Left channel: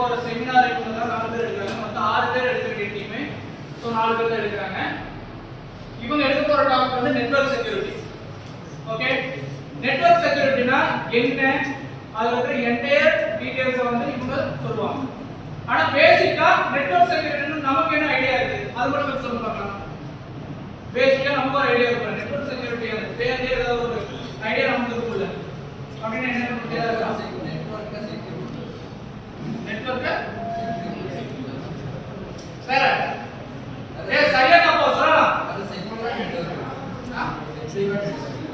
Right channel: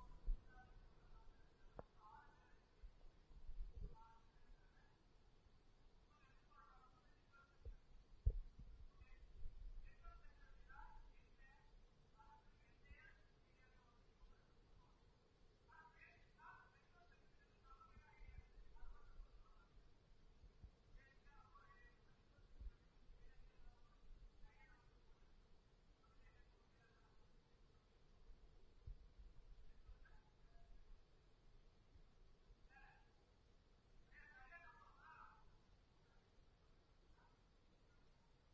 போற செமினார் இவங்க தான் 4 பேர் எடுக்கிறாங்க. மொத்தம் 6 பேர் எடுக்க வேண்டிய டீம். ஸோ 4 பேர் தான் எடுக்கிறாங்க. இவங்க எடுக்க போற டாபிக் வந்து நெட்வொர்க் செக்யூரிட்டி. ஓகே, நெட்வொர்க் செக்யூரிட்டினா என்ன, அதுல இருக்கிற என்டையர் டீடைல்ஸ் வந்து இவங்க சொல்லுவாங்க. ஆனா பேசிக்கா நெட்வொர்க் செக்யூரிட்டின்னு நமக்கு என்ன ஐடியா இருக்கு அது மட்டும் சொல்லுங்க பார்க்கலாம். பேசிக்கா நமக்கு ஒரு ஐடியா இருக்கு. நெட்வொர்க் செக்யூரிட்டி பேரே ஏதாவது ஒரு ஐடியா நமக்கு இருக்குல்ல. அப்படின்னா என்ன நெட்வொர்க் சார் சரியா தப்பா சொல்லலாம்.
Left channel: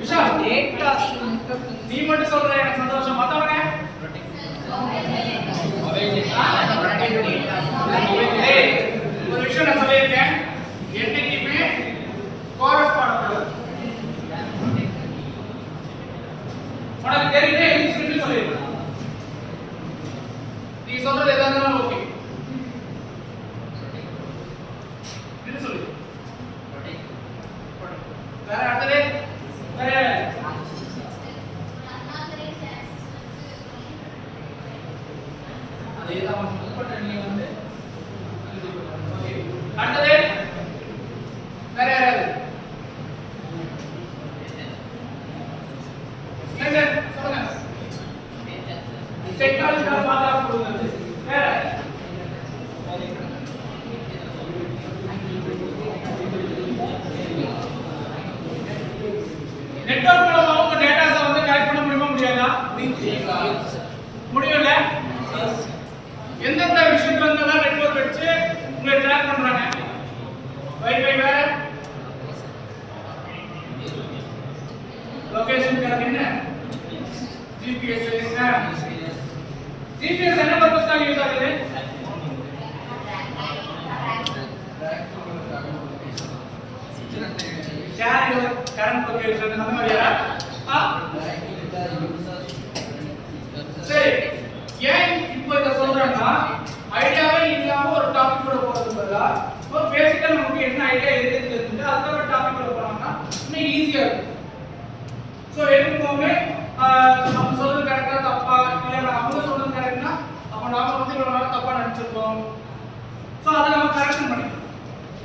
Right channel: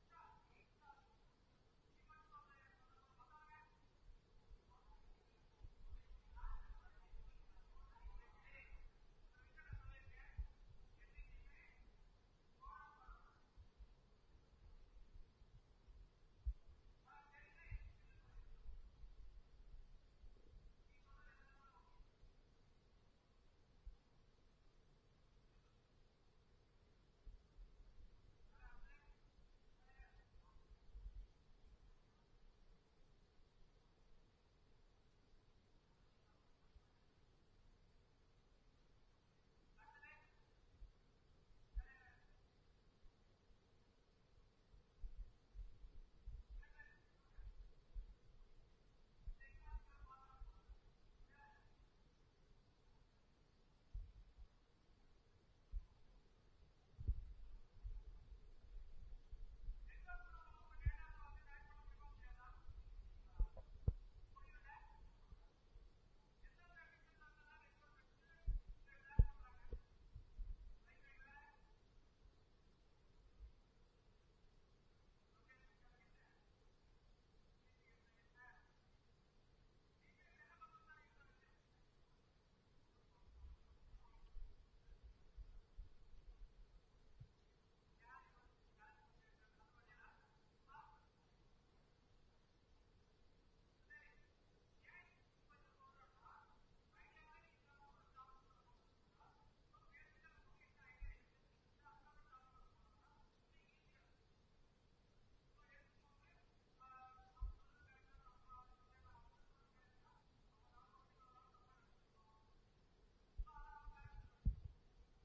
விஷால் டேட்டா நீ மட்டும் சொல்ற எனக்கு சந்தோஷம். மத்தவங்க ஒரு விஷயம் நான் சொல்லியிருக்கேன், என்னைக்குமே கோரஸ் பாடக்கூடாது. உனக்கு தெரியுதே இன்ஸ்டிடியூட் சொல்லியிருக்கேன், நீ சொல்றது எதா இருந்தாலும் ஓகே என்ன சொல்லு. வேற அடுத்தது வேற அதேதான் முப்பட்ட நீ வந்து ஓகே. அடுத்தது வேற யாராவது சொல்லுங்க. டெக்னாலஜி பாத்தா போடுங்க. வேற நெட்வொர்க் மூலமா உங்க டேட்டாஸை வந்து கலெக்ட் பண்ண முடியுமா முடியாதா? முடியும்ல. எந்தெந்த விஷயத்துல இருந்தா நெட்வொர்க் வச்சு உங்களை ட்ராக் பண்றாங்க. வைஃபை வேற லொகேஷன் கரெக்ட் என்ன ஜிபிஎஸ் என்ன ஜிபிஎஸ் என்ன பர்பஸ்க்காக யூஸ் ஆகுது? ஷேர் யுவர் கரண்ட் லொகேஷன் அந்த மாதிரியா? சரி, ஏன் இப்போ இத சொல்றேன்னா ஐடியாவே இல்லாம ஒரு டாபிக் கூட போறது பதிலா இப்போ பேசிக்கா நமக்கு என்ன ஐடியா இருக்குன்னு தெரிஞ்சுட்டு அதுக்கு ஒரு டாபிக் கூட போனோம்னா இன்னும் ஈஸியா இருக்கும். ஸோ எடுக்கும்போது நம்ம சொல்றது கரெக்டா தப்பா இல்லை அவங்க சொல்றது கரெக்ட்னா அப்போ நாம வந்து இவ்வளவு நாள் தப்பா நினைச்சிருக்கோம். ஸோ அதை நம்ம கரெக்ஷன் பண்ணிக்கணும்.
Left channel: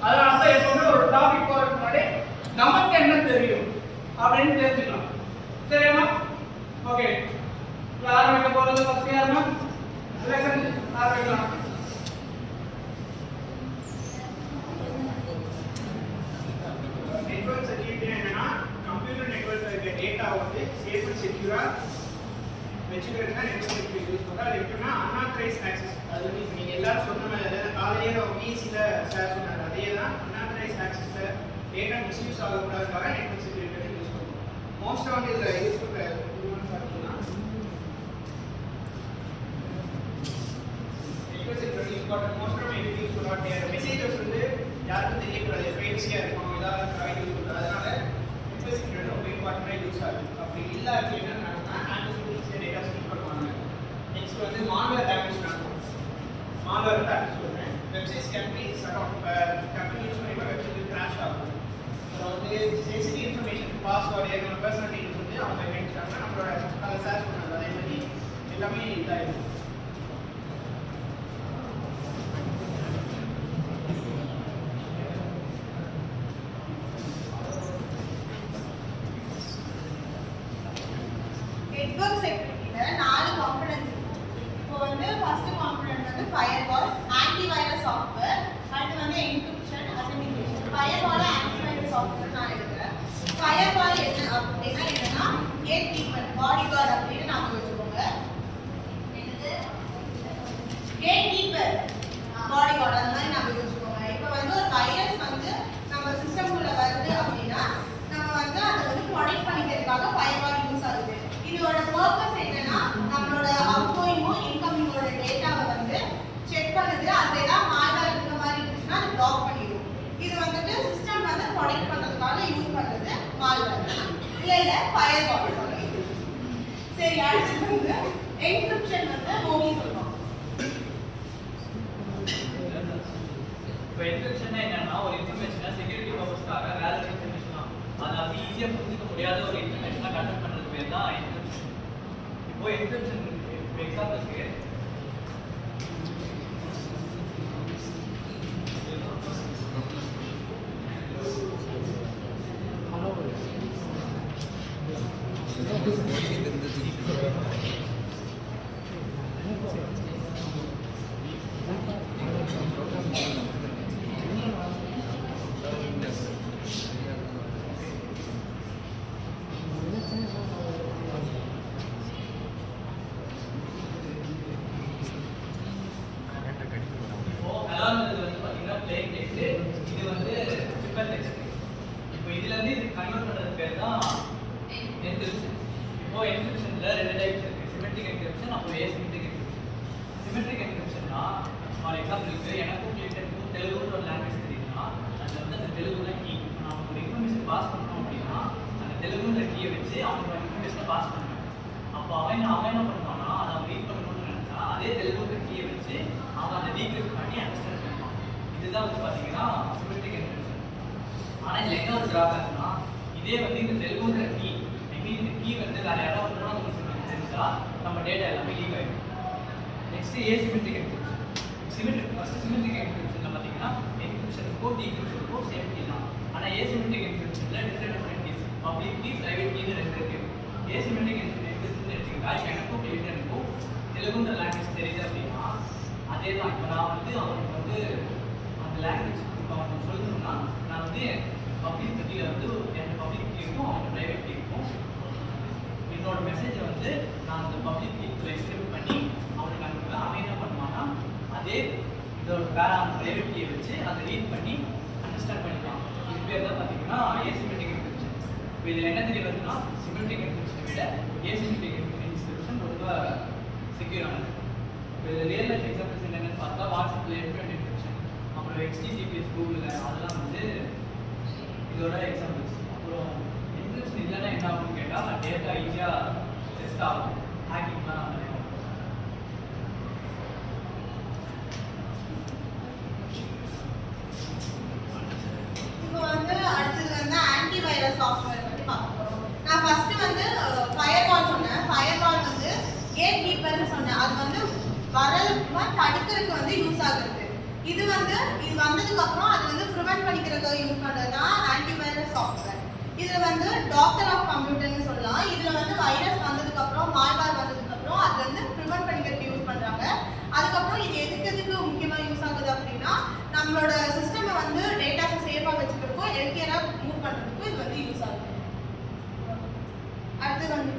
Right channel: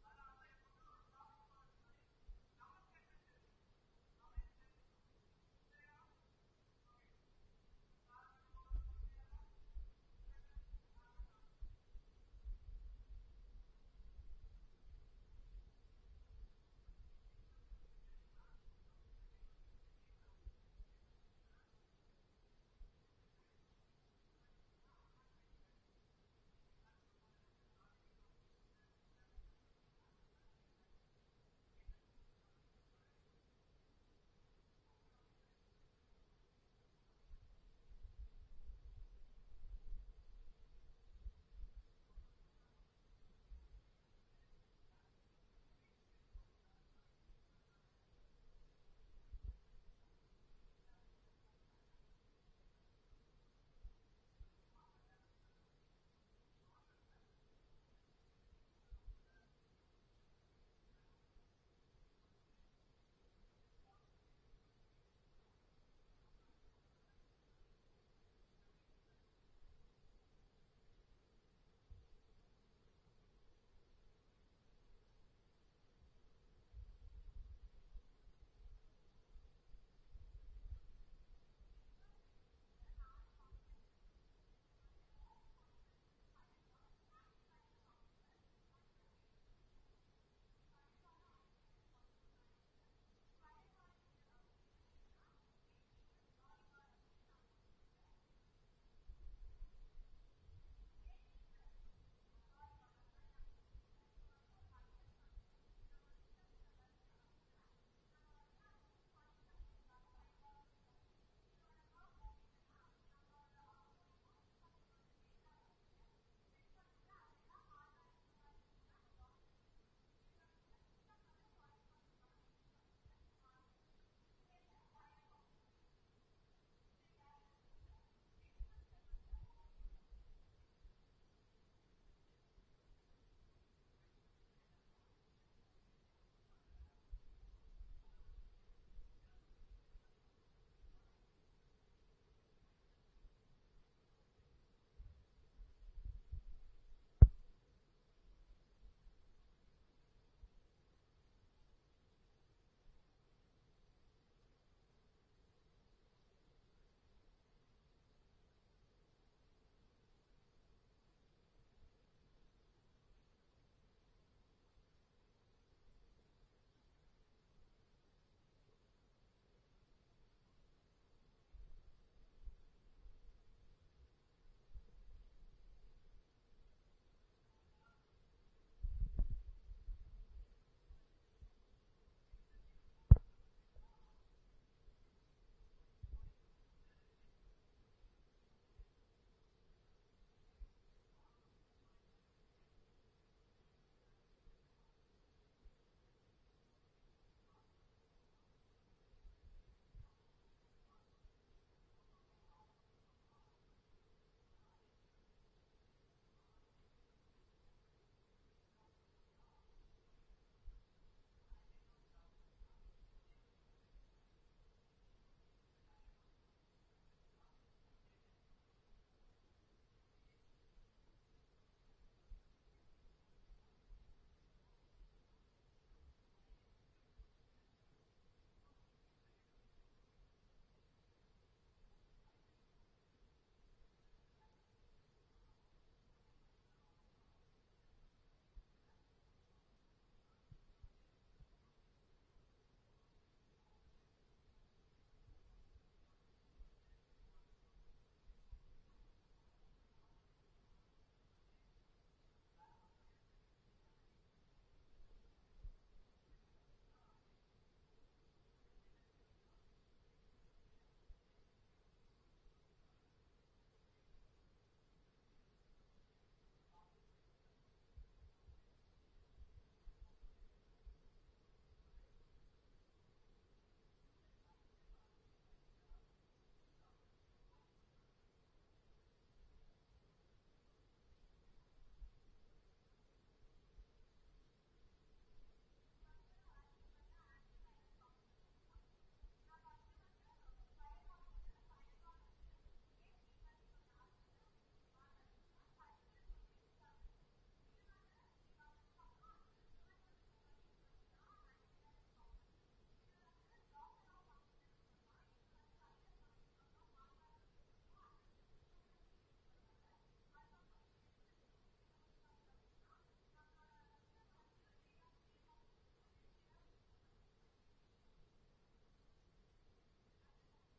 அதனால தான் எப்பவுமே ஒரு டாபிக் போறதுக்கு முன்னாடி நமக்கு என்ன தெரியும் அப்படின்னு தெரிஞ்சுக்கலாம். சரியா? ஓகே, ஆரம்பிக்க போறது ஃபர்ஸ்ட் யாருன்னா லெசன் ஆரம்பிக்கலாம். நெட்வொர்க் செக்யூரிட்டி என்னன்னா கம்ப்யூட்டர் நெட்வொர்க்ல இருக்க டேட்டா வந்து சேஃப் அண்ட் செக்யூரா வெச்சுக்கிறதுக்கு தான் நெட்வொர்க் செக்யூரிட்டி யூஸ் பண்றோம். அது எப்படின்னா அன்ஆத்தரைஸ்ட் ஆக்சஸ், அது வந்து இப்போ நீங்கள் எல்லாரும் சொன்ன மாதிரி காலையிலே நம்ம பிசியில் சார் சொன்னார், அதே தான் அன்ஆத்தரைஸ்ட் ஆக்சஸில் டேட்டா மிஸ்யூஸ் ஆகக்கூடாதுக்காக நெட்வொர்க் செக்யூரிட்டி யூஸ் பண்ணுறோம். மோஸ்ட்டாக வந்து இதில் யூஸ் பண்ணுற பார்த்தீங்கன்னா நெட்வொர்க் செக்யூரிட்டி யூஸ் பண்ணுற மோஸ்ட்டாக யூஸ் பண்ணுவாங்க. மெசேஜஸ் வந்து யாருக்கும் தெரியக்கூடாது, ப்ரைவசியாக இருக்கும், ஏதாவது யூஸ் பண்ணுறது. அதனால நெட்வொர்க் செக்யூரிட்டி ரொம்ப இம்பார்ட்டண்டாக யூஸ் ஆகுது. அப்படி இல்லை அப்படின்னா டேட்டா ஸ்டோர் பண்ணுவாங்க. நெக்ஸ்ட் வந்து மால்வேர் டேமேஜ் நடக்கும். மால்வேர் டேமேஜ் சொல்றேன், websites can be shut off, company use பண்ணி வெப்சைட் கிராஷ் ஆகும். ஸோ வந்து சென்சிட்டிவ் இன்ஃபர்மேஷன் பாஸ்வேர்டு என்னோட பர்சனல் டீடைல்ஸ் வந்து அவங்க கேட்டாங்கன்னா நம்மளோட அதை சர்ச் பண்ணாங்க, அதே மாதிரி எல்லாமே இதாகிடும். எக்ஸாம்பிளுக்கு எனக்கும் கிளியன்ட்டுக்கும் தெலுங்குன்ற ஒரு லாங்குவேஜ் தெரியுதுன்னா அதில் வந்து அந்த தெலுங்கு தான் கீ. நான் ஒரு இன்ஃபர்மேஷன் பாஸ் பண்ணணும் அப்படின்னா அந்த தெலுங்குன்ற கீயை வச்சு அவனோட இன்ஃபர்மேஷனை பாஸ் பண்ணுவேன். அப்போ அவன் என்ன பண்ணுவான்னா அதை அவன் ரீட் பண்ணணும்னு நினச்சா அதே தெலுங்குன்ற கீயை வச்சு அவன் அதை டீக்ரிப்ட் பண்ணி அண்டர்ஸ்டாண்ட் பண்ணுவான். இதுதான் வந்து பார்த்தீங்கன்னா சிமெட்ரிக் என்கிரிப்ஷன். ஆனால் இதில் என்ன ஒரு ட்ராபேக்னா இதே வந்து இந்த தெலுங்குன்ற கீ இந்த கீ வந்து வேற யாராவது உங்களுக்கு தெரிஞ்சா நம்ம டேட்டா எல்லாமே லீக் ஆகிடும். Next asymmetric encryption. சிமெட்ரிக் என்கிரிப்ஷன்ல பார்த்தீங்கன்னா என்கிரிப்ஷனுக்கும் டீக்ரிப்ஷனுக்கும் சேம் கீ தான். ஆனால் ஏசிமெட்ரிக் என்கிரிப்ஷன்ல different keys public key private கீன்னு ரெண்டு இருக்கு. ஏசிமெட்ரிக் என்கிரிப்ஷன் எடுத்துக்கிட்டா எனக்கும் கிளியன்ட்டுக்கும் தெலுங்குன்ற லாங்குவேஜ் தெரியுது அப்படின்னா அதே தான். இப்போ நான் வந்து அவனுக்கு வந்து அந்த லாங்குவேஜ் இப்போ அவனுக்கு சொல்லணும்னா நான் வந்து பப்ளிக் கீழே வந்து என் பப்ளிக் கீக்கும் அவனுக்கு பிரைவேட் கீக்கும் என்னோட மெசேஜை வந்து நான் அந்த பப்ளிக் கீக்குள்ள எக்ஸ்கிரிப்ட் பண்ணி அவனுக்கு அனுப்புவேன். அவன் என்ன பண்ணுவான்னா அதே இதோட பிரைவேட் கீயை வச்சு அதை ரீட் பண்ணி அண்டர்ஸ்டாண்ட் பண்ணிக்கலாம். இது பேர் தான் பார்த்தீங்கன்னா ஏசிமெட்ரிக் என்கிரிப்ஷன். இப்போ இதில் என்ன தெரிய வருதுன்னா சிமெட்ரிக் என்கிரிப்ஷனை விட ஏசிமெட்ரிக் என்கிரிப்ஷன் ரொம்ப செக்யூரானது. இப்போ இதில் ரியல் லைஃப் எக்ஸாம்பிள்ஸ் என்னென்னு பார்த்தா வாட்ஸ்அப்பில் என்ட்ரன்ட் என்கிரிப்ஷன், அப்புறம் HTTPS கூகுளில் அதெல்லாம் வந்து இதோட எக்ஸாம்பிள்ஸ். அப்புறம் என்கிரிப்ஷன் இல்லைன்னா என்ன ஆகும்னு கேட்டால் டேட்டா ஈஸியாக டெஸ்ட் ஆகும், ஹேக்கிங்லாம் நிறைய. இப்போ வந்து அடுத்தது வந்து ஆன்டிவைரஸ் சாஃப்ட்வேர் பற்றி பார்க்க போகிறோம். நான் ஃபர்ஸ்ட் வந்து ஃபயர்வால் சொன்னேன். ஃபயர்வால் வந்து கேட் கீப்பர்னு சொன்னேன். அது வந்து வரமா தடுக்கிறதுக்கு வந்து யூஸ் ஆகுது. இது வந்ததுக்கு அப்புறம் அது வந்து ப்ரிவென்ட் பண்ணிக்கிறதுக்கு யூஸ் பண்ணுறது தான் ஆன்டிவைரஸ் சாஃப்ட்வேர். இதில் வந்து டாக்டர் ஆஃப் கம்ப்யூட்டர்னு சொல்லலாம். இதில் வந்து வைரஸ் வந்ததுக்கு அப்புறம் மால்வேர் வந்ததுக்கு அப்புறம் அது வந்து ப்ரிவென்ட் பண்ணிக்கிறதுக்கு யூஸ் பண்ணுறாங்க. அதுக்கப்புறம் இது எதுக்கு முக்கியமாக யூஸ் ஆகுது அப்படின்னா நம்மளோட சிஸ்டமை வந்து டேட்டாஸை சேஃபாக வச்சுக்கிறதுக்கும் ஹெல்த்தியராக மூவ் பண்ணுறதுக்கும் இது வந்து யூஸ் ஆகுது. அடுத்து வந்து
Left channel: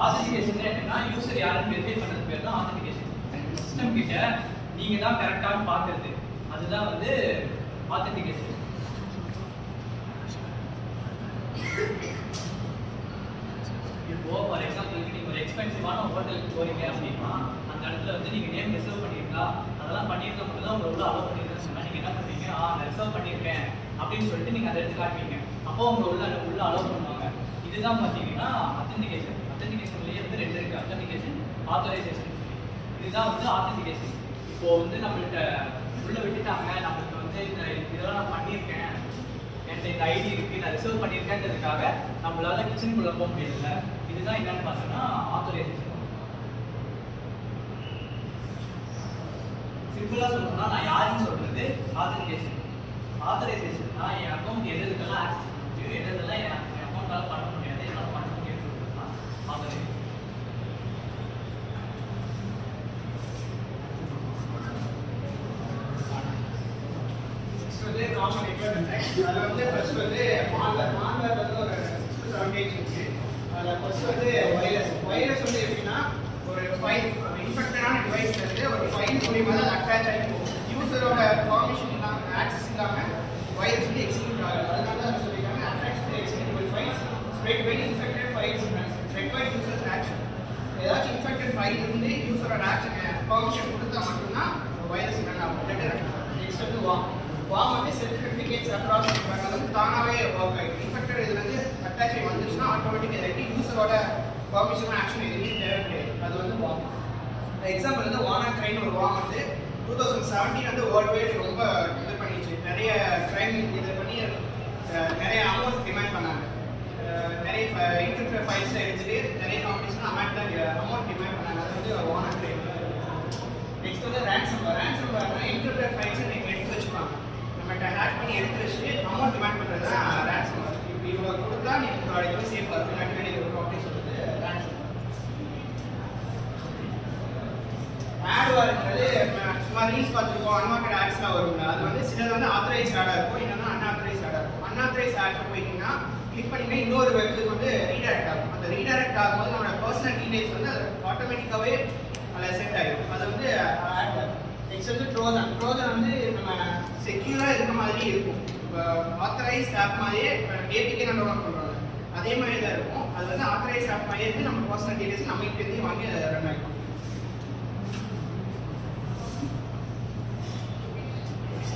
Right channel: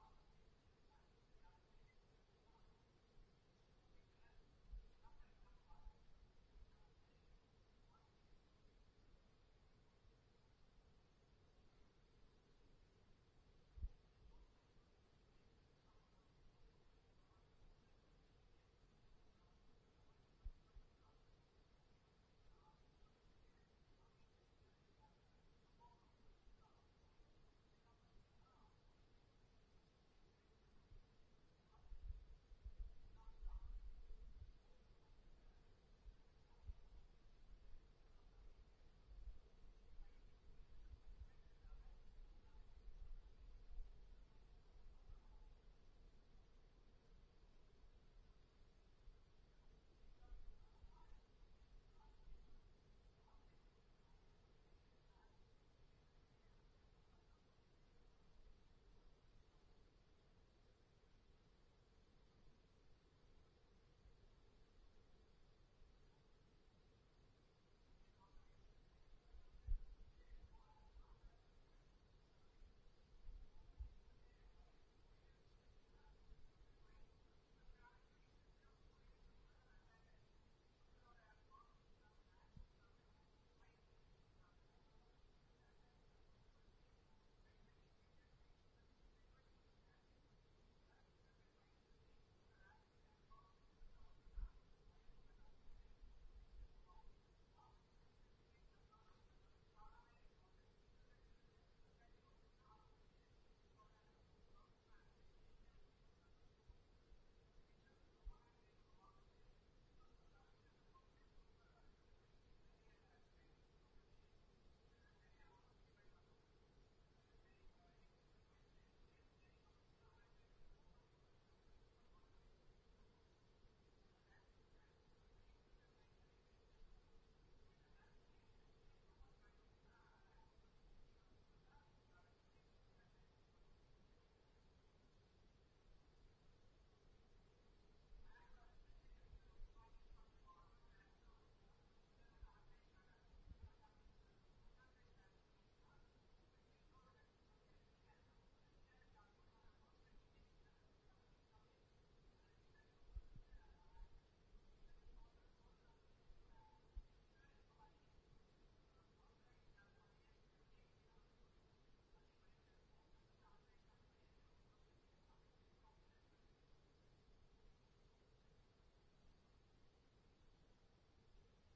ஆத்தென்டிகேஷன் என்னன்னா யூசர் யாருன்னு வெரிஃபை பண்றது பேர் தான் ஆத்தென்டிகேஷன். சிஸ்டம் கிட்ட நீங்க தான் கரெக்டான பார்க்கிறது, அதுதான் வந்து ஆத்தென்டிகேஷன். இப்போ ஃபார் எக்ஸாம்பிளுக்கு நீங்க ஒரு எக்ஸ்பென்சிவான ஹோட்டலுக்கு போறீங்க அப்படின்னா அந்த இடத்துல வந்து நீங்க நேம் ரிசர்வ் பண்ணிருக்கீங்களா, அதெல்லாம் பண்ணியிருக்க மட்டும் தான் உங்களை உள்ள அலோவ் பண்ணிருக்கேன்னு சொன்னா நீங்க என்ன பண்ணுவீங்க, நான் ரிசர்வ் பண்ணியிருக்கேன் அப்படின்னு சொல்லிட்டு நீங்க அதை எடுத்து காட்டுவீங்க. அப்போ உங்களை உள்ள அலோவ் பண்ணுவாங்க. இதுதான் பார்த்தீங்கன்னா ஆத்தென்டிகேஷன். ஆத்தென்டிகேஷன்லேயே வந்து ரெண்டு இருக்கு, ஆத்தென்டிகேஷன், ஆத்தரைசேஷன். இதுதான் வந்து ஆத்தென்டிகேஷன். இப்போ வந்து நம்மள்கிட்ட உள்ள விட்டுட்டாங்க, நம்மளுக்கு வந்து இதெல்லாம் நான் பண்ணியிருக்கேன், என்கிட்ட இந்த ஐடி இருக்கு, நான் ரிசர்வ் பண்ணியிருக்கேன்றதுக்காக நம்மளால கிச்சனுக்குள்ள போக முடியல. இதுதான் என்னன்னு பார்த்தோம்னா ஆத்தரைசேஷன். சிம்பிளா சொல்லணும்னா நான் யாருன்னு சொல்றது ஆத்தரைசேஷன். ஆத்தரைசேஷன்னா என் அக்கௌண்ட் எதுக்கெல்லாம் ஆக்சஸ் பண்ண முடியும், எதெல்லாம் என் அக்கௌண்ட்டால பண்ண முடியாது, என்னால் பண்ண முடியும்னு சொல்றது தான் ஆத்தரைசேஷன். வந்து காமன் எக்யூப்மெண்ட். அதில் வந்து ஃபர்ஸ்ட் வந்து மால்வேர் வந்து ஒரு 6 to 7 டைப்ஸ் இருக்கு. அதில் ஃபர்ஸ்ட் வந்து வைரஸ் வந்து எப்படின்னா ஒரு ஃபைல் இன்ஃபெக்டடான டிவைஸ்ல இருந்து ஒரு ஃபைல் மூலியமா தான் அட்டாச் ஆகி போகும். யூசரோட பர்மிஷன் இல்லாமல் ஆக்சஸ் இல்லாமல் வைரஸ் வந்து எக்ஸிக்யூட் ஆகாது. அதனால தான் சொல்லியிருக்காங்க attach to executable files spread by infected files spread by users action. ஏதாச்சும் இன்ஃபெக்டட் ஃபைல் இருந்து யூசரோட ஆக்ஷன் பர்மிஷன் கொடுத்தா மட்டும்தான் வைரஸ் ரன் ஆகும். நெக்ஸ்ட் வந்து வாம் வந்து செல்ஃப் ரெப்ளிகேட்ஸ் அக்ராஸ் பண்ணுறாங்க. அது வந்து தானாகவே ஒர்க் ஆகிடும். இன்ஃபெக்டட் இது வந்து அட்டாச் ஆகி வந்துச்சுன்னா ஆட்டோமேட்டிக் இதாகிட்டு யூசரோட பர்மிஷன் ஆக்ஷன் எதுவுமே தேவை கிடையாது. அது வந்து வாம். எக்ஸாம்பிள் வந்து வானாக்ரைன்னு ஒரு வாம் வந்து 2017 வந்து வேர்ல்டு வைட் ரொம்ப இது பண்ணிச்சு. நிறைய கிரைம் இது பண்ணி நிறைய அமௌண்ட் டிமாண்ட் பண்ணாங்க. நிறைய இன்கிரிப்டட் ஃபைல்ஸ் எடுத்துட்டு நிறைய காம்படிஷன் அமௌண்ட் டிமாண்ட் பண்ணாங்க. அது வந்து வானாக்ரை. நெக்ஸ்ட் வந்து ரேன்சம்வேர்னா இன்கிரிப்டட் ஃபைல்ஸை நீங்கள் எடுத்து வச்சுப்பாங்க. நம்மகிட்ட ஹேக் பண்ணி எடுத்து வச்சுட்டு அமௌண்ட் டிமாண்ட் பண்ணுறது தான் ரேன்சம்வேர். இப்போ இவ்வளோ கொடுத்தா நீ உங்களோட இது சேஃபாக இருக்கும், இல்லாட்டி வெளியே இருக்கும் அப்படின்னு சொல்லிட்டு ரேன்சம்வேர். ஆட்வார்ன்றது சும்மா ரீல்ஸ் பார்த்துருக்கோம், அன்வான்டட் ஆட்ஸ்லாம் வருங்க. அது வந்து சிலது வந்து ஆத்தரைஸ்ட் ஆடாக இருக்கும், இல்லைன்னா அன்ஆத்தரைஸ்ட் ஆடாக இருக்கும். அன்ஆத்தரைஸ்ட் ஆட்ஸ் போயிட்டீங்கன்னா கிளிக் பண்ணிங்கன்னா இன்னொரு வெப்சைட் வந்து ரீடைரக்ட் ஆகும். அந்த ரீடைரக்ட் ஆகும்போது நம்மளோட பர்சனல் டீடைல்ஸ் வந்து அது ஆட்டோமேட்டிக்காகவே அதில் செட் ஆகிடும். அது வந்து நெக்ஸ்ட் வந்து ட்ரோஜன் வந்து நம்ம செக்யூராக இருக்க மாதிரி இருக்கும். இப்போ ஆத்தரைஸ்ட் ஆப் மாதிரியே ஏபிகே நம்ம டவுன்லோட் பண்ணுறோம், அதே மாதிரி தான் இருக்கும். அது வந்து ஆத்தரைஸ்ட் ஆப் மாதிரியே இருந்து நம்ம பர்சனல் டீடைல்ஸ் நம்ம கிட்டேருந்து வாங்கி அதை ரன் ஆகிடும்.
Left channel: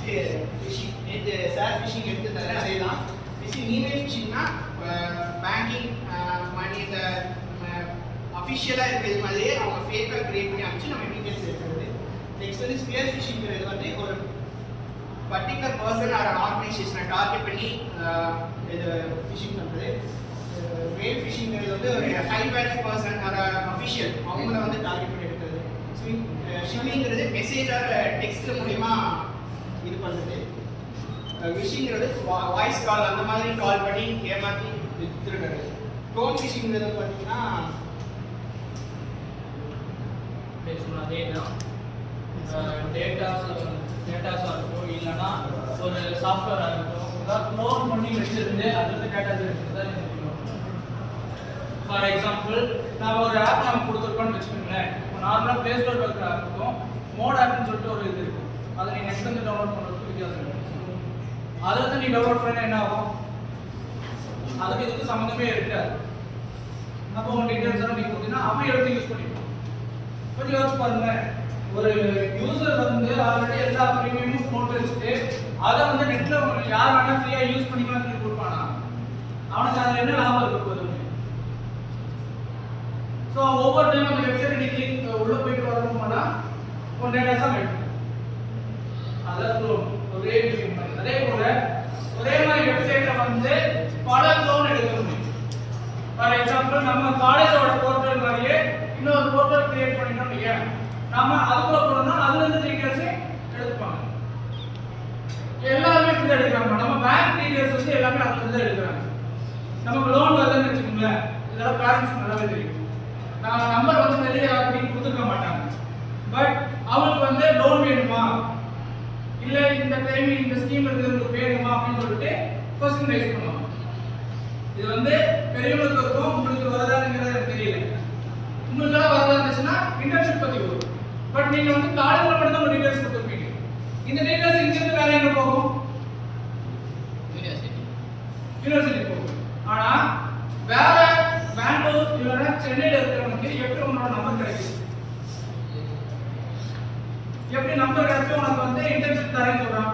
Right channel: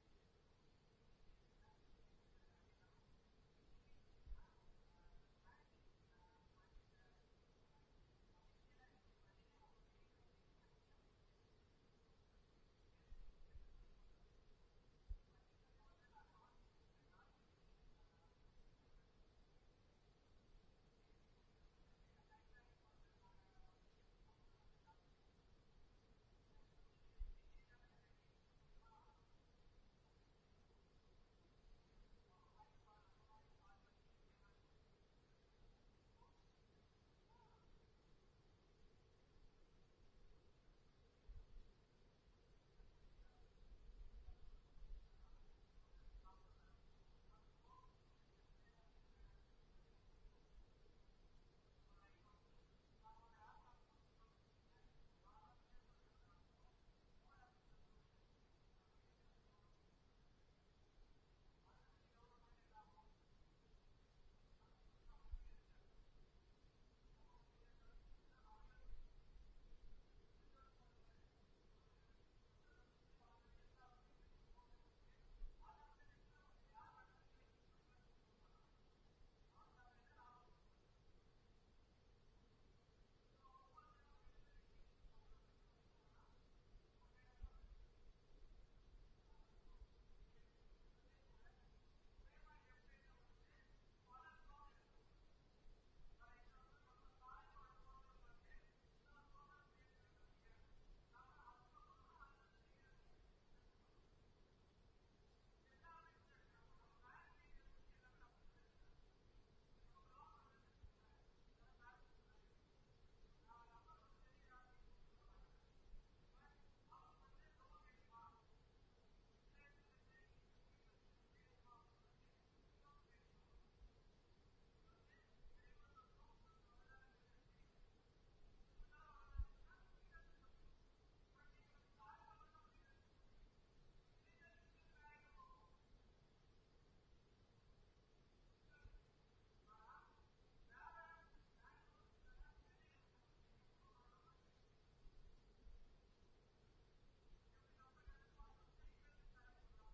ஃபிஷிங் நேற்று சார் ஃபிஷிங் எடுத்துருந்தாரு அதே தான் ஃபிஷிங் இமெயில் ஃபிஷிங்னா பேங்கிங் மணி இந்த அஃபிஷியலாக இருக்கிறது மாதிரியே அவங்க ஃபேக்காக கிரியேட் பண்ணி அனுப்பிச்சு நம்ம டீட்டெயில்ஸ் எடுக்கிறது. நெக்ஸ்ட் வந்து ஸ்பியர் ஃபிஷிங்கிறது வந்து ஒரு பர்டிகுலர் பர்சன் ஆர் ஆர்கனைசேஷனை டார்கெட் பண்ணி இது ஃபிஷிங் பண்ணுறது. வேல் ஃபிஷிங்கிறது வந்து ஒரு high value person or official அவங்கள வந்து டார்கெட் பண்ணி எடுக்கிறது. ஷிம்மிங்கிறது மெசேஜ் ஆர் டெக்ஸ்ட் மூலிமா இது பண்ணுறது. விஷிங்கிறது வாய்ஸ் கால் அந்த மாதிரி கால் பண்ணி ஏமாற்றி வித்துருக்கிறது. ட்ரோன் ஃபிஷிங்கிறது பார்த்தீங்கன்னா அதே தான் டேட்டாஸாக இருக்கும், இல்லைன்னா ஒரு சாஃப்ட்வேராக இருக்கும், ஏதாவது க்ளோன் பண்ணி வச்சிருந்து அதில் டேட்டாஸ் எடுத்துதான். ஃபார் எக்ஸாம்பிள் நான் ஒரு ஆப் நம்ம கொடுத்துருக்கோன்னு வச்சுக்கோங்களேன். இப்போ நார்மலாக ப்ளே ஸ்டோர் இருக்கிற ஆப் இருக்கும், மோட் ஆப்னு சொல்லிட்டு ஒரு இது இருக்கும். அதை நீங்கள் நெக்ஸ்ட் வந்து டவுன்லோட் பண்ணுறதுக்கு வித்தியாசம் இருக்கும். அதை வந்து நீ டவுன்லோட் பண்ணால் என்ன ஆகும்? அதுக்கு இதுக்கு சம்மந்தமே இருக்காது. அப்போ உங்கள் டீட்டெயில்ஸ் எல்லாம் நீங்கள் கொடுத்தீங்கன்னா அவன் எடுத்து யூஸ் பண்ணிக்கலாம். கொஞ்சம் யோசிச்சு பாருங்க, ஒரு யூசர் வந்து ஆல்ரெடி எல்லா ப்ரீமியமும் போட்டு வச்சுட்டு அதை வந்து நெட்ல யார் வேணா ஃப்ரீயா யூஸ் பண்ணிக்கலாம்னு சொல்லி கொடுப்பானா? அவனுக்கு அதில் என்ன லாபம் இருக்க போகுது? ஸோ ஒவ்வொரு டைம் அந்த வெப்சைட் நீ கிளிக் உள்ள போயிட்டு வரணும்னா ஒரு டேட்டாஸாக வேணும். அதாவது ஒரே விஷயம் மாதிரி அதே போல ஒரே மாதிரி வெப்சைட்டை வந்து பல க்ளோன் எடுக்க முடியும். ஃபார் எக்ஸாம்பிள் நம்ம காலேஜோட போர்ட்டல் மாதிரியே இன்னொரு போர்ட்டல் கிரியேட் பண்ணிட்டோம் இல்லையா? நாம அதுக்குள்ள போனோம்னா அதுல இருந்து டீடைல்ஸ் எடுத்துப்பாங்க. எல்லாருமே இப்படி எடுக்கிறாங்க. நம்ம பேங்க் டீடைல்ஸ் வந்து எல்லாமே அதுல இருந்து எடுக்கிறாங்க. நமக்கு லோன் வருதுன்னு வச்சுக்கோங்களேன், இதெல்லாம் பேரண்ட்ஸ் நல்லாவே தெரியும். நான் நம்பர் வந்து நிறைய யாருக்கும் கொடுத்துருக்க மாட்டாங்க. பட் அவங்களுக்கு வந்து லோன் வேணுமா இல்லை இந்த டைம் இந்த ஸ்கீம் இருக்கிறதுக்கு வேணுமா அப்படின்னு சொல்லிட்டு கொஸ்டின் ரைஸ் பண்ணுவாங்க. இது வந்து பெரியவங்களுக்கு இருக்கும், உங்களுக்கு வரதானுங்கிறது எனக்கு தெரியல. உங்களுக்கெல்லாம் வரதா இருந்துச்சுன்னா இன்டர்ன்ஷிப் பற்றி வரும். பட் நீங்கள் வந்து காலேஜில் மட்டும் தான் ஒரு டீடைல்ஸ் கொடுத்துருப்பீங்க. இந்த டீடைல்ஸ் இங்கிருந்து வேற எங்கே போகும்? யூனிவர்சிட்டி போகும். ஆனால் வேற பெங்களூர் இல்லைன்னா சென்னையில் இருக்கிறவனுக்கு எப்படி உன்னோட நம்பர் கிடைக்குது? எப்படி நம்பர் கிடைச்சு உனக்கு வந்து இன்டர்ன்ஷிப் தரேன்னு சொல்றான்?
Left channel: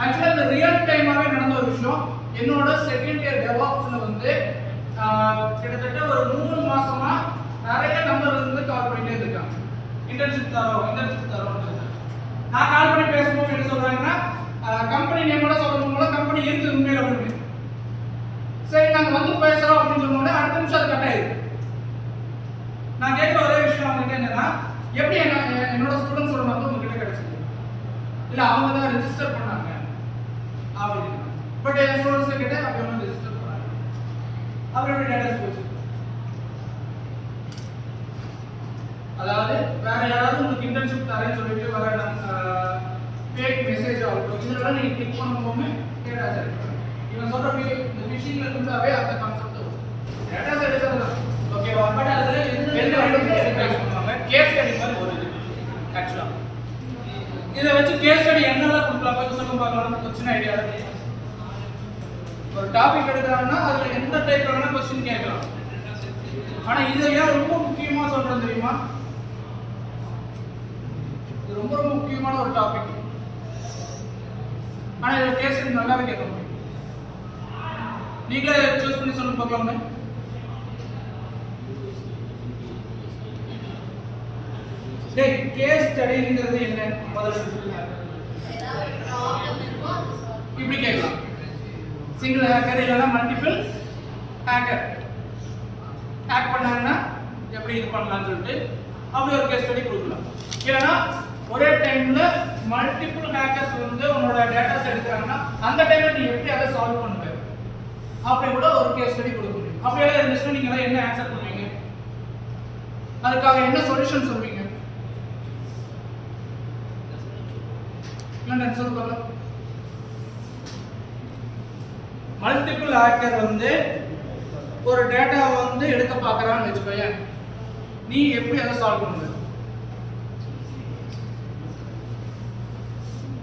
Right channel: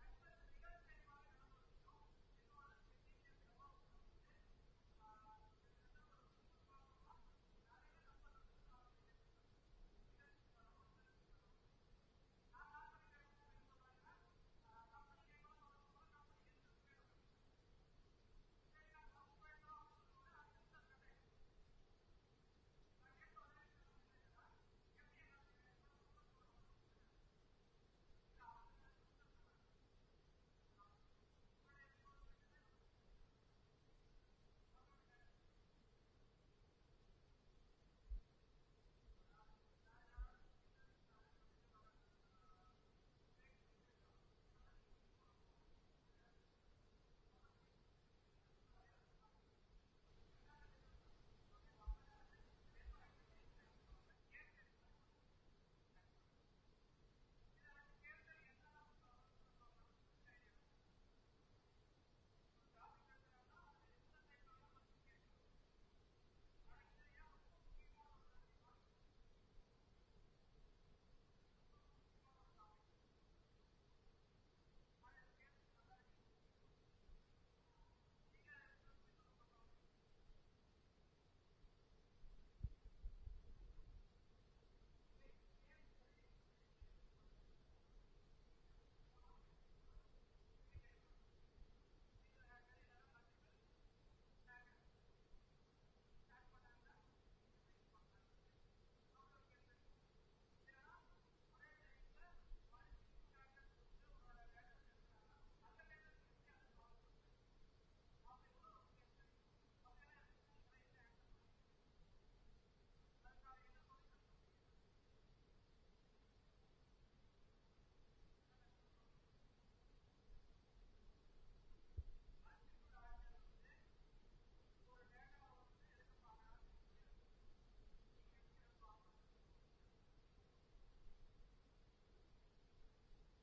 ஆக்சுவலாக இந்த ரியல் டைமாகவே நடந்த ஒரு விஷயம். என்னோட செகண்ட் இயர் டெவாப்ஸில் வந்து கிட்டத்தட்ட ஒரு 3 மாசமா நிறைய நம்பர் வந்து கால் பண்ணிட்டே இருக்காங்க. இன்டர்ன்ஷிப் தரோம். நான் கால் பண்ணி பேசும்போது என்ன சொல்றாங்கன்னா, கம்பெனி நேமோட சொல்றவங்களோட கம்பெனி இருக்குது உண்மையில அப்படின்னு. சரி நாங்கள் வந்து பேசுறோம் அப்படின்னு சொன்னோட அடுத்த நிமிஷம் அது கட் ஆயிடுது. நான் கேட்குற ஒரே விஷயம் அவங்ககிட்ட என்னன்னா, எப்படி என்னோட ஸ்டூடெண்ட்ஸோட நம்பர் உங்ககிட்ட கிடைச்சது? இல்லை அவங்க தான் ரெஜிஸ்டர் பண்ணாங்க அப்படின்னு. பட் என் ஸ்டூடெண்ட்ஸ் கிட்ட அப்படி ஒன்றும் ரெஜிஸ்டர் பண்ணாங்க. அவரோட டேட்டாஸ் போச்சு. அதாவது வேற யாராவது உங்களுக்கு இன்டர்ன்ஷிப் தரேன்னு சொல்லிட்டு வர ஃபேக் மெசேஜ் ஆகட்டும், இதெல்லாம் நீங்க கிளிக் பண்ணும்போது டேட்டாஸ் எடுக்கணும். இவன் சொல்ற இந்த ஃபிஷிங்ல இருந்தாவே அந்த கான்செப்ட் வரும். டேட்டாஸ் எடுக்கிறது ஓகேவா? பட் அதுல எந்த பண்ணுவாங்க கேஸ் ஸ்டடி மாதிரி ஒரு ஆக்சுவலா இதை வச்சு கேஸ் ஸ்டடி என்னெல்லாம் கொடுக்கலாம் கொஞ்சம் சொல்லுங்க பார்க்கலாம். ஒரு சின்ன ஐடியா இருக்கு. ஒரு டாபிக் எடுக்கிறாங்கன்னா அதுல எந்த டைப்ல வேணா क्वेश्चन கேட்கலாம். ஆனா இதை ஏன் ரொம்ப முக்கியமா சொல்றேன் தெரியுமா? இது ரொம்ப ரொம்ப முக்கியமான ஒரு டாபிக். ஆனா இதை கேஸ் ஸ்டடி நல்லாவே கேட்க முடியும். நீங்களே சூஸ் பண்ணி சொல்லுங்க பார்க்கலாமே. டேய் கேஸ் ஸ்டடிங்கிறது என்ன? முதல்ல சொல்லுங்க. இப்படி கேட்கலாம். சிங்கிள் ஹேக்கர் இல்லைன்னா மல்டிபிள் ஹேக்கர் ஹேக் பண்ணாங்கன்னா எப்படி இது பண்ணலாம்னு சொல்லிட்டு அப்படி ஒரு கேஸ் ஸ்டடி கொடுக்கலாம். இல்லைன்னா ஒரே டைம்ல மல்டிபிள் ஹேக்கர்ஸ் வந்து உங்களோட டேட்டாஸ் எடுக்கிறாங்கன்னா அந்த டைம்ல நீ எப்படி அதை சால்வ் பண்ணுவ அப்படி கூட ஒரு கேஸ் ஸ்டடி கொடுக்க முடியும். அப்படியே இருந்துச்சுன்னா நீங்க எல்லாம் என்ன ஆன்சர் பண்ணுவீங்க? அதுக்காக என்ன சொல்யூஷன் சொல்வீங்க? இல்லை சொல்லுங்க. மல்டிபிள் ஹேக்கர் வந்து ஒரு டேட்டா வந்து எடுக்க பார்க்கறான்னு வெச்சுக்கோங்க, நீ எப்படி அதை சால்வ் பண்ணுவ?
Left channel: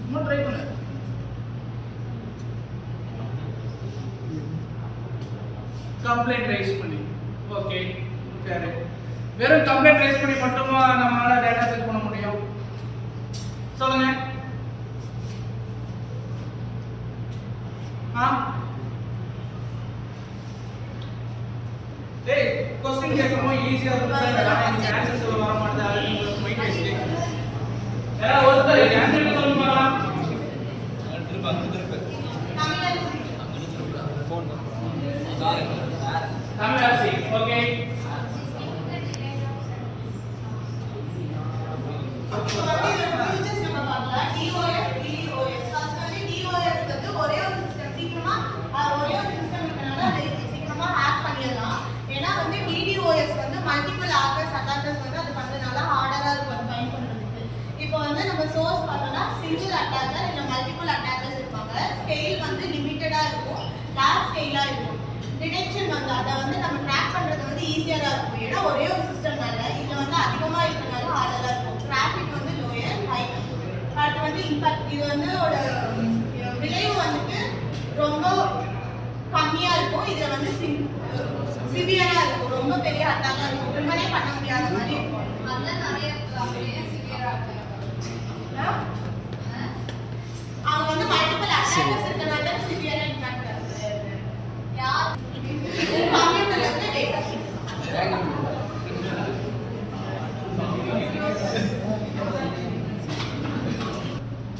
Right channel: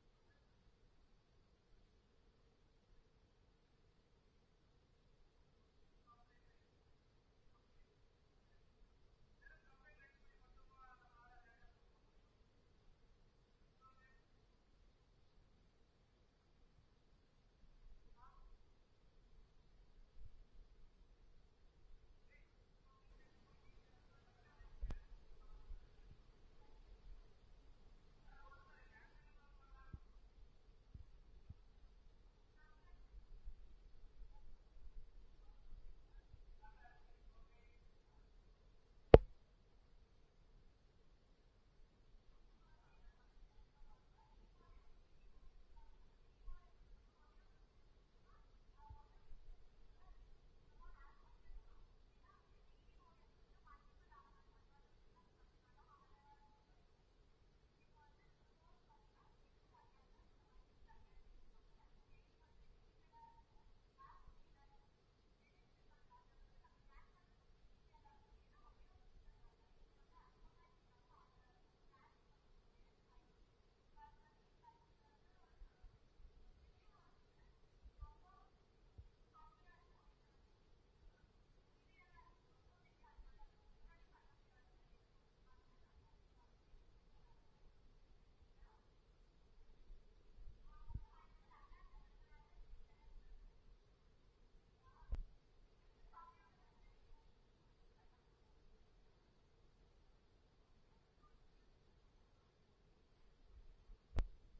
சும்மா ட்ரை பண்ணு. கம்ப்ளைண்ட் ரைஸ் பண்ணி ஓகே சரி, வெறும் கம்ப்ளைண்ட் ரைஸ் பண்ணி மட்டுமா நம்மளால டேட்டா செக் பண்ண முடியும்? சொல்லுங்க. டேய் क्वेश्चन கேட்கும்போது ஈஸியா இருக்கும் சார் ஆனா இந்த ஆன்சர் சொல்ல வர மாட்டேங்குது அது உங்களுக்கு மைண்ட் வெஸ்ட் யாரா ஒருத்தர் ஆன்சர் சொல்லுங்க பாக்கலாம் தமிழரசி ஓகே இப்போ வந்து இதோட features நம்ம பார்க்கலாம். DOS, DOS. First வந்து DOS வந்து ஒரே ஒரு system. சீக்கிரமா ஒரே ஒரு system இருக்கனால அதை சீக்கிரமா hack பண்ணிடலாம். ஏன்னா வந்து DDoS வந்து multiple hackers, attackers வந்து அது பண்றதுனால harder-ஆ இருக்கும் அது find பண்றதுக்கு. இப்போ வந்து நம்ம source பார்த்தோம்னா single attacker இல்ல multiple attackers இருப்பாங்க. Scale வந்து limited-ஆ இருக்கும். large scale-ஆ இருக்கும். டிடெக்ஷன் வந்து அதை வந்து நம்ம ட்ராக் பண்றது வந்து ஈஸியா தான் இருக்கும். ஏன்னா ஒரே ஒரு சிஸ்டம்னால இதுல வந்து அதிகமா இருக்கனால ஹார்டா இருக்கும். டிராஃபிக் வந்து லோயர் ஹை. அடுத்து வந்து இம்பாக்ட் இது வந்து ஒரு விளைவு வந்துட்டு ரொம்ப கம்மியா இருக்கும். இதுல வந்து சிவியரா இருக்கும். ரொம்ப பெரிய அட்டாக்கா இருக்கும். ப்ரிவென்ட் பண்ண முடியாத மாதிரி இருக்கும். அவங்க வந்து மல்டிபிள் அட்டாக்கர்ஸ் இருக்கனால சிவியரா இம்பாக்ட் ஆகுது. யார் கம்ப்யூட்டர்ல இருந்து டேட்டா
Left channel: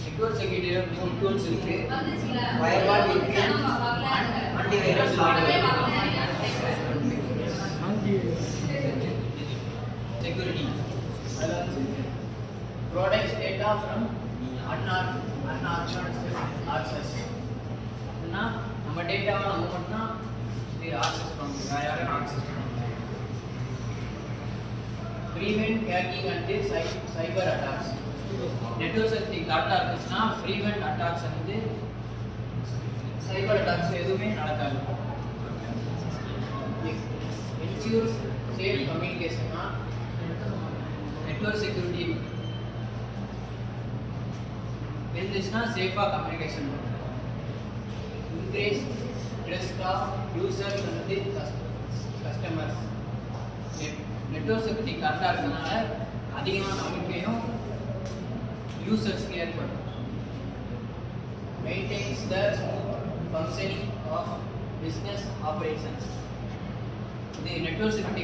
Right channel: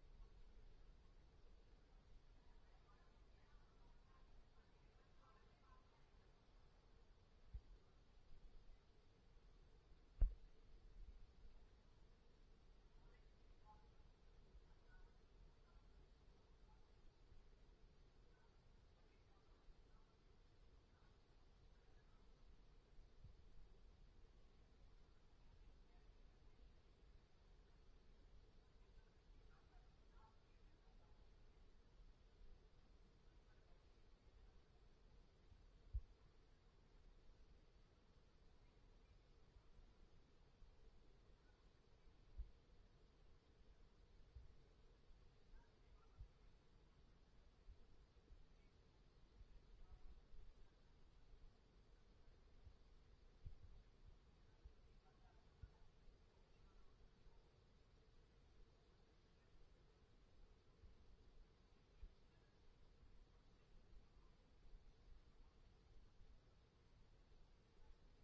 நெட்வொர்க் செக்யூரிட்டில மூணு டூல்ஸ் இருக்கு. ஃபயர்வால் இருக்கு, antivirus security. Protects data from unauthorized access. னா நம்ம டேட்டாவை நம்ம மட்டும் ஆக்சஸ் பண்ண முடியும், வேற யாரும் ஆக்சஸ் பண்ண முடியாது. Prevent hacking and cyber attacks. Network security கரெக்டாக இருந்துச்சுன்னா ப்ரீவென்ட் அட்டாக்ஸ் வந்து சைபர் அட்டாக்ஸ் எதுவுமே நடக்காது. இன்சூர்ஸ் சேஃப் கம்யூனிகேஷன்னா நெட்வொர்க் செக்யூரிட்டி இருந்துச்சுன்னா சேஃபாக கம்யூனிகேஷன் பண்ணும். இன்க்ரீஸ் ட்ரஸ்ட் ஆஃப் யூசர்ஸ் வந்து கஸ்டமர்ஸ். நெட்வொர்க் செக்யூரிட்டி கரெக்டாக இருக்கிறதுனால அதிகமான நம்பிக்கையும் யூசர்ஸ்க்கு ஏற்படும். Maintains the smooth functioning of business operations. The network security